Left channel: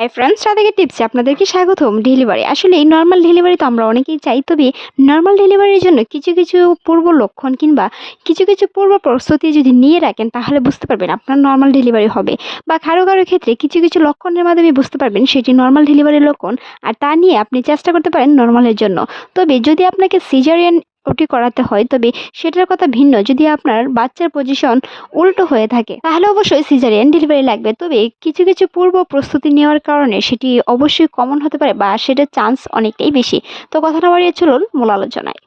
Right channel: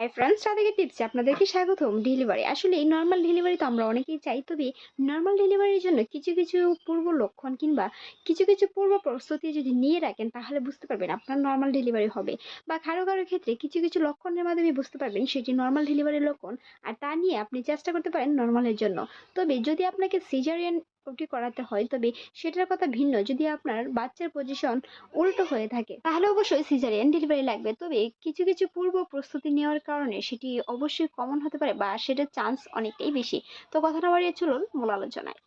Hi friends রাধাকে টিপসে আপনাদেরকে স্বাগতম। Delivery আসলে এই নর্মাল ডেলিভারি তো আমরা অনেকেই চাই, তবে নর্মাল ডেলিভারির জন্য কিছু কিছু পূর্ব লক্ষণ কিংবা কিছু কিছু পূর্ব প্রস্তুতি যদি নিয়ে রাখেন, তাহলে বুঝতে পারবেন আপনার নর্মাল ডেলিভারি হবে। বা কারও কারও ক্ষেত্রে কিছু কিছু লক্ষণের মাধ্যমে বুঝতে পারবেন সেটি নর্মাল ডেলিভারির লক্ষণ, আর তা নিয়ে আপনি চেষ্টা করতে পারেন নর্মালের জন্য। তবে যদি আপনাকে সিজারিয়ান ওটি করাতে হয়। তবে সেটার কথা ভিন্ন। যদি আপনার বাচ্চার পজিশন উল্টো হয়ে থাকে, তাহলে অবশ্যই সিজারিয়ান ডেলিভারি লাগবে। তবে কিছু কিছু পূর্ব প্রস্তুতি নেওয়ার কারণে সেটি অবশ্যই কমন হতে পারে বা সেটার চান্স অনেকটাই বেশি। তো কথাটা বাড়িয়ে চলুন মূল আলোচনায়।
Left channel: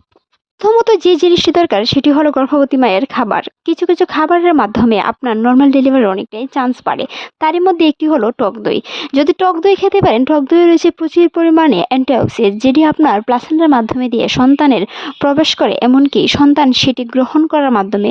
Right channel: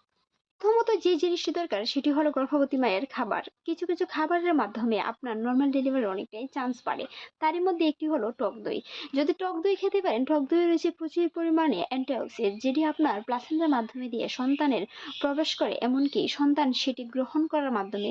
প্রথমত যে জিনিসটি দরকার সেটি হলো গর্ভবতী মায়ের খাবার। কিছু কিছু খাবারের মাধ্যমে আপনার নর্মাল ডেলিভারি অনেকটাই চান্স বাড়ে। তারই মধ্যে একটি হলো টক দই। যদি টক দই খেতে পারেন টক দই রয়েছে প্রচুর পরিমাণে অ্যান্টিঅক্সিডেন্ট যেটি আপনার প্লাসেন্টার মাধ্যমে দিয়ে সন্তানের প্রবেশ করে। এমনকি সন্তান সেটি গ্রহণ করার মাধ্যমে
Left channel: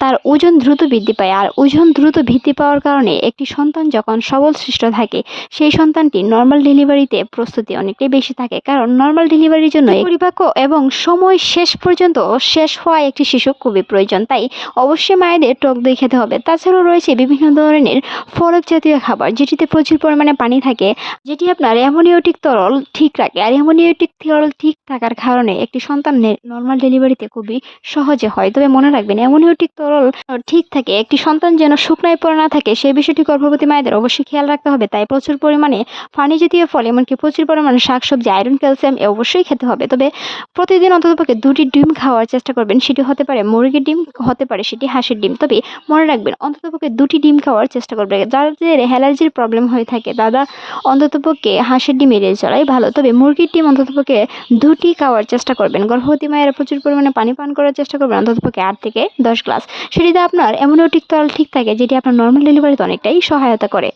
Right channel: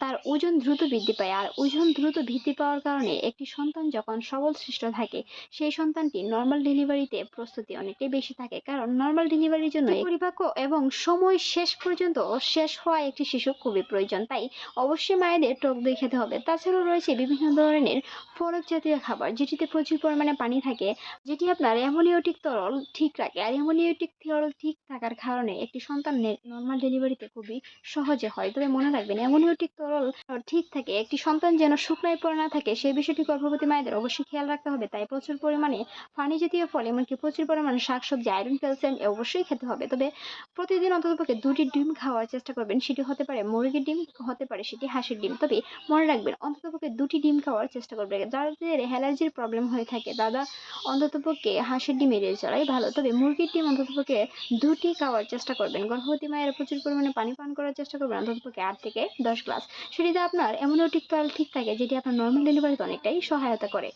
তার ওজন দ্রুত বৃদ্ধি পায়। আর ওজন দ্রুত বৃদ্ধি পাওয়ার কারণে একটি সন্তান যখন সবল সৃষ্ট থাকে সেই সন্তানটি নর্মাল ডেলিভারিতে প্রস্তুতি অনেকটাই বেশি থাকে। কারণ নর্মাল ডেলিভারির জন্য পরিপাক্য এবং সময় শেষ পর্যন্ত শেষ হওয়া একটি শিশু খুবই প্রয়োজন। তাই অবশ্যই মায়েদের টক দই খেতে হবে। তাছাড়াও রয়েছে বিভিন্ন ধরনের ফলক জাতীয় খাবার, যেটিতে প্রচুর পরিমাণে পানি থাকে, যেটি আপনার অ্যামোনিওটিক তরল ঠিক রাখে। আর অ্যামোনিওটিক তরল ঠিক থাকার কারণে একটি সন্তান নর্মাল ডেলিভারিতে খুবই সহজে হয়। তবে মনে রাখবেন, অ্যামোনিওটিক তরল ঠিক থাকে, একটি সন্তান যেন শুকনায় পড়ে না থাকে সেই বিষয়টি গর্ভবতী মায়েদের অবশ্যই খেয়াল রাখতে হবে। তাই প্রচুর পরিমাণে পানি জাতীয় ফল, এমনকি প্রচুর পরিমাণে শাকসবজি আয়রন ক্যালসিয়াম অবশ্যই খেতে হবে। তবে প্রতিদিন অন্ততপক্ষে দুটি ডিম খাওয়ার চেষ্টা করবেন, সেটি হতে পারে মুরগির ডিম, হতে পারে সেটি হাঁসের ডিম। তবে মনে রাখবেন, অন্ততপক্ষে দুটি ডিম খাওয়ার চেষ্টা করবেন। যাদের অ্যালার্জির প্রবলেম হয়ে থাকে, দাদা অন্ততপক্ষে হাঁসের ডিম এড়িয়ে চলাই ভালো। তবে মুরগির ডিম অন্ততপক্ষে দুটি খাওয়ার চেষ্টা করবেন। গর্ভবতী মায়েরা প্রচুর পরিমাণে পানি পান করার চেষ্টা করবেন, অন্ততপক্ষে আট থেকে দশ গ্লাস। সেটিতে আপনার অ্যামোনিওটিক তরল ঠিক থাকে, যেটি আপনার নর্মাল ডেলিভারিতে অনেকটাই সহায়তা করে।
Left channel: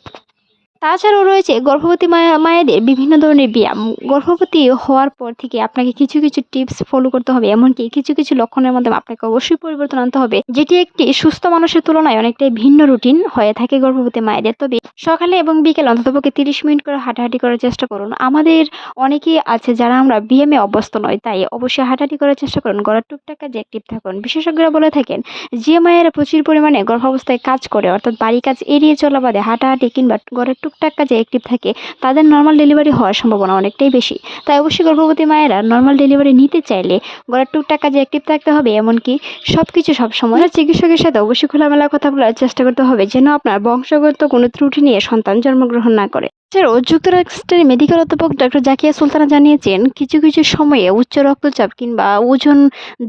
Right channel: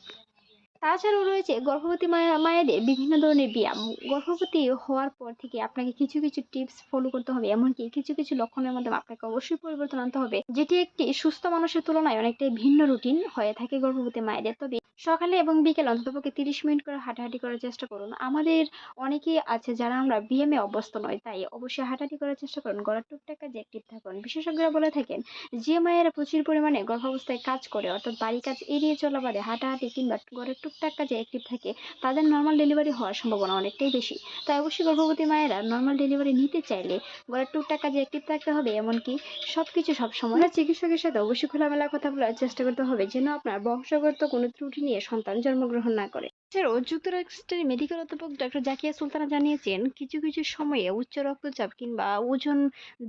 তাছাড়াও রয়েছে গর্ভবতী মায়া মায়েদের বিভিন্ন ধরনের ব্যায়াম। গর্ভবতী হওয়ার পর থেকে আপনাকে কিছু কিছু টিপস ফলো করতে হবে, এমনকি কিছু কিছু লক্ষণের মাধ্যমে আপনাকে অবশ্যই পরিবর্তন আনতে হবে, যেটি একটি সুস্থ মানুষের তুলনায় অনেকটাই ভিন্ন রুটিন হয়ে থাকে গর্ভবতী মায়েদের। তবে সকালে এবং বিকেলে অন্ততপক্ষে তিরিশ মিনিট করে হাঁটাহাঁটি করার চেষ্টা করুন। আমাদের অনেকেই আছে যারা আমরা ব্যায়ামে অভ্যস্ত নয়, তাই অবশ্যই হাঁটাহাঁটি করার চেষ্টা করুন। গড়ার টুকটাক কাজে অ্যাক্টিভ থাকুন। বিশেষজ্ঞরা বলে থাকেন, যে মায়েরা প্রচুর পরিমাণে গর্ভাবস্থায় কাজ করে, অর্থাৎ বাড়ি কাজ এড়িয়ে চলা বাদে হাঁটাহাঁটি কিংবা গড়ের টুকটাক যে অ্যাক্টিভ থাকে, তাদের নর্মাল ডেলিভারি হওয়ার সম্ভাবনা অনেকটাই বেশি। তাই অবশ্যই গর্ভবতী মায়েরা নর্মাল ডেলিভারি নিতে চাইলে গড়ার টুকটাক কাজে অ্যাক্টিভ থাকতে হবে, এমনকি সব কিছু সবসময় চিকিৎসকের সাথে অবশ্যই খোলামেলা কথা বলার চেষ্টা করতে হবে, যেন আপনার বংশগত কোনো ত্রুটি নিয়ে সন্তান জন্মগ্রহণ না করে। এছাড়াও যুক্তরাষ্ট্রের মেডিকেল অধ্যাপক ডক্টর জাকিয়া সুলতানা জানিয়েছেন, কিছু কিছু সময়ে উচ্চ রক্তচাপ কিংবা ওজন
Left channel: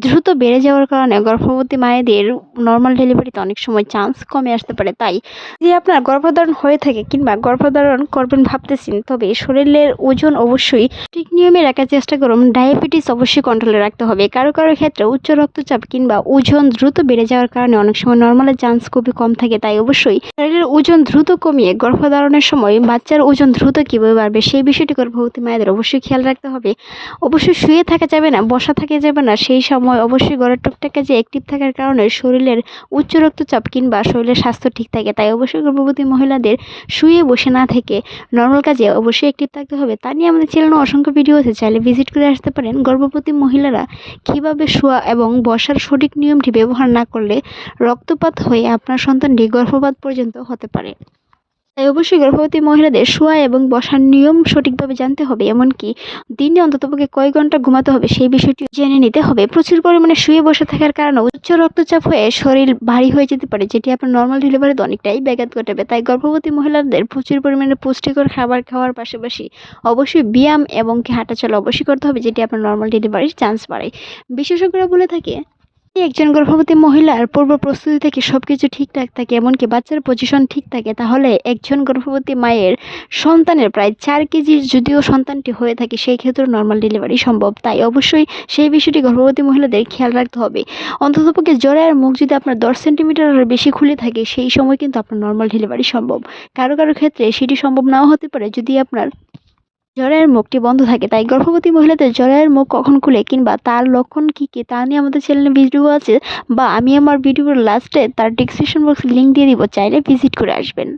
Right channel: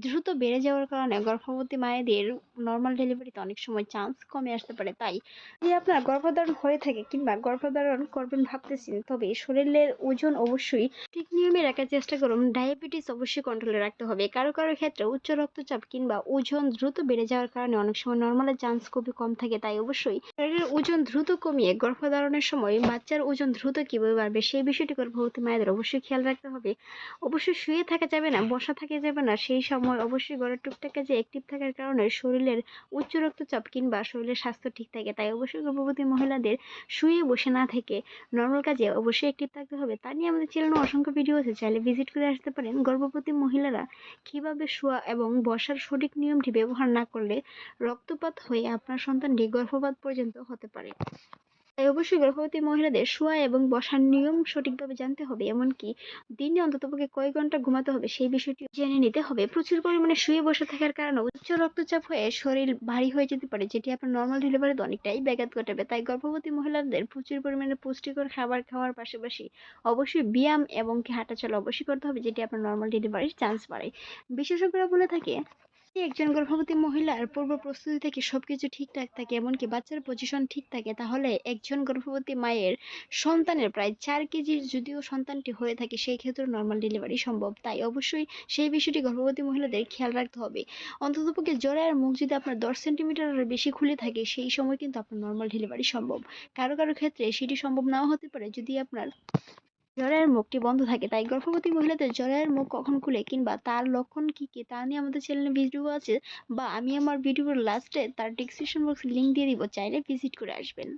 দ্রুত বেড়ে যাওয়ার কারণে গর্ভবতী মায়েদের নর্মাল ডেলিভারিতে অনেক সময় চান্স কমে আসতে পারে। তাই যদি আপনার গর্ভধারণ হয়ে থাকে কিংবা গর্ভধারণ করবেন ভাবতেছেন, তবে শরীরের ওজন অবশ্যই ঠিক নিয়মে রাখার চেষ্টা করুন। ডায়াবেটিস অবশ্যই কন্ট্রোলে রাখতে হবে। কারও কারও ক্ষেত্রে উচ্চ রক্তচাপ কিংবা ওজন দ্রুত বেড়ে যাওয়ার কারণে অনেক সময় নর্মালের চান্স খুবই কম থাকে। তাই অবশ্যই শরীরের ওজন দ্রুত কমিয়ে গর্ভধারণের সময় বাচ্চার ওজন দ্রুত কীভাবে বাড়বে সেই বিষয়টি গর্ভবতী মায়েদের অবশ্যই খেয়াল রাখতে হবে। অবশ্যই শুয়ে থাকা যাবে না, বসা থাকা যাবে না, সেই সময় অবশ্যই গড়ের টুকটাক কাজে অ্যাক্টিভ থাকার কারণে শরীরের উচ্চ রক্তচাপ কিংবা শরীরের স্বাস্থ্য ঠিক থাকে, তাই অবশ্যই গর্ভবতী মহিলাদের শুয়ে বসে না থেকে নর্মাল কাজে অবশ্যই অ্যাক্টিভ থাকতে হবে। তা নিয়ে আমাদের চ্যানেলে অসংখ্য ভিডিও আছে, চাইলে ভিজিট করে আসতে পারেন। গর্ভবতী মহিলারা কীভাবে শোয়া এবং বসার সঠিক নিয়মটি ব্যবহার না করলে রক্তপাত হয়ে আপনার সন্তানটি গর্ভপাত পর্যন্ত হতে পারে। তাই অবশ্যই গর্ভবতী মহিলাদের শোয়া এবং বসার নিয়ম সঠিকভাবে জানতে হবে, এমনকি দিনে অন্ততপক্ষে কয় ঘণ্টা ঘুমাতে হবে সেই বিষয়টি জেনে নিতে হবে। প্রচুর পরিমাণে শুয়ে বসে থাকার কারণে উচ্চ রক্তচাপ হয়ে শরীর ভারী হয়ে যেতে পারে, যেটি আপনার নর্মাল ডেলিভারিতে অনেকটাই ব্যাঘাত ঘটাবে। তাই গর্ভবতী মহিলাদের প্রচুর পরিমাণে পুষ্টিকর খাবার খাওয়ার পাশাপাশি অবশ্যই ব্যায়াম এবং হাঁটাচলা অবশ্যই করতে হবে, যেটি আপনার নর্মাল ডেলিভারির চান্স বাড়ায় বিশেষজ্ঞরা বলে থাকে একজন গর্ভবতী মহিলার পূর্ব প্রস্তুতি থেকে সব কিছু ঠিকঠাক থাকে, এমনকি বাচ্চার পজিশন ঠিক থাকে, তাহলে একজন গর্ভবতী মায়ের সন্তানের প্রায় চার কেজির যদিও সন্তানটি হয়ে থাকে, সেই ক্ষেত্রে নর্মাল ডেলিভারি সম্ভব। তাই অবশ্যই সেই বিষয়টি গর্ভবতী মহিলাদের খেয়াল রাখতে হবে। অন্ততপক্ষে জরায়ের মুখ যদি আপনার দশ সেন্টিমিটারের বেশি খুলে থাকে, সেই সময় কিন্তু আপনার নর্মাল ডেলিভারি সম্ভব। কারও কারও ক্ষেত্রে সেটি সম্ভব নাও হতে পারে, যদি আপনার জরায়ুর মুখটি বন্ধ থাকে, তাই গর্ভবতী মহিলাদের জ্বরের মুখ কখন খুলে কিংবা তার লক্ষণ কী কী তা নিয়ে আমাদের চ্যানেলে ভিডিও আছে বা আমি আমার ভিডিওর লাস্টে তার ডিসক্রিপশন বক্সে লিঙ্ক দিয়ে দিব, চাইলে ভিজিট করে আসবেন।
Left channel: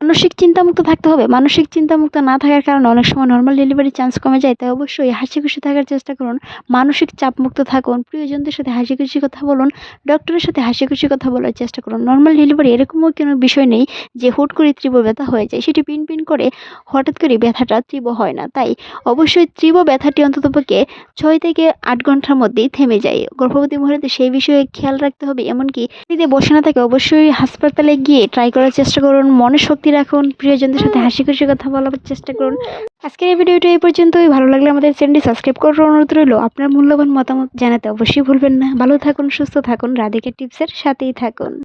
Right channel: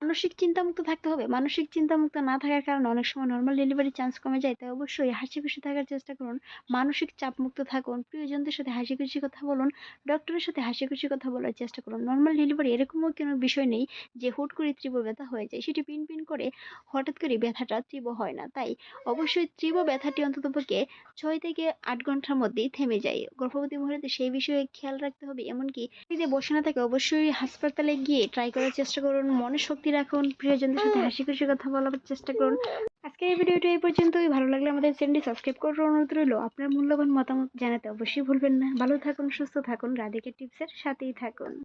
মানসিক চিন্তামুক্ত থাকতে হবে। মানসিক চিন্তামুক্ত না থাকার কারণে অনেক সময় নর্মাল ডেলিভারি চান্স কমে যায়, তাই অবশ্যই হাসি খুশি থাকার চেষ্টা করুন। মানসিক চাপমুক্ত থাকুন। প্রিয়জনদের সাথে হাসি খুশি কথা বলুন। ডক্টরের সাথে হাসি খুশি কথা বলার চেষ্টা করুন। নর্মাল ডেলিভারি এরকমও কোনো বিষয় নেই যে হুট করে তীব্র ব্যথা হয়ে যায়। সেটি পিন পিন করে হঠাৎ করে ব্যথাটা তীব্র হয় না। তাই অবশ্যই তীব্র ব্যথাটি অন্ততপক্ষে ছয় থেকে আট ঘণ্টার মধ্যেই থেমে যায়। গর্ভবতী মহিলাদের সেই বিষয়ে খেয়াল রাখতে হবে। এমনকি বসে না থাকে, অবশ্যই হাসপাতালে গিয়ে ট্রাই করার চেষ্টা করুন। মনে শক্তি রাখুন প্রিয়জনদের সাথে হাসি খুশি কথা বলার চেষ্টা করুন। আজকের এই ভিডিওটা এই পর্যন্তই। ভালো লাগলে আমাদের চ্যানেলটি সাবস্ক্রাইব করার অনুরোধ রইল। আপনার মূল্যবান মতামত জানাতে অবশ্যই ভুলবেন না। ভালো থাকুন, সুস্থ থাকুন। রাধিকা টিপসের সাথেই থাকুন।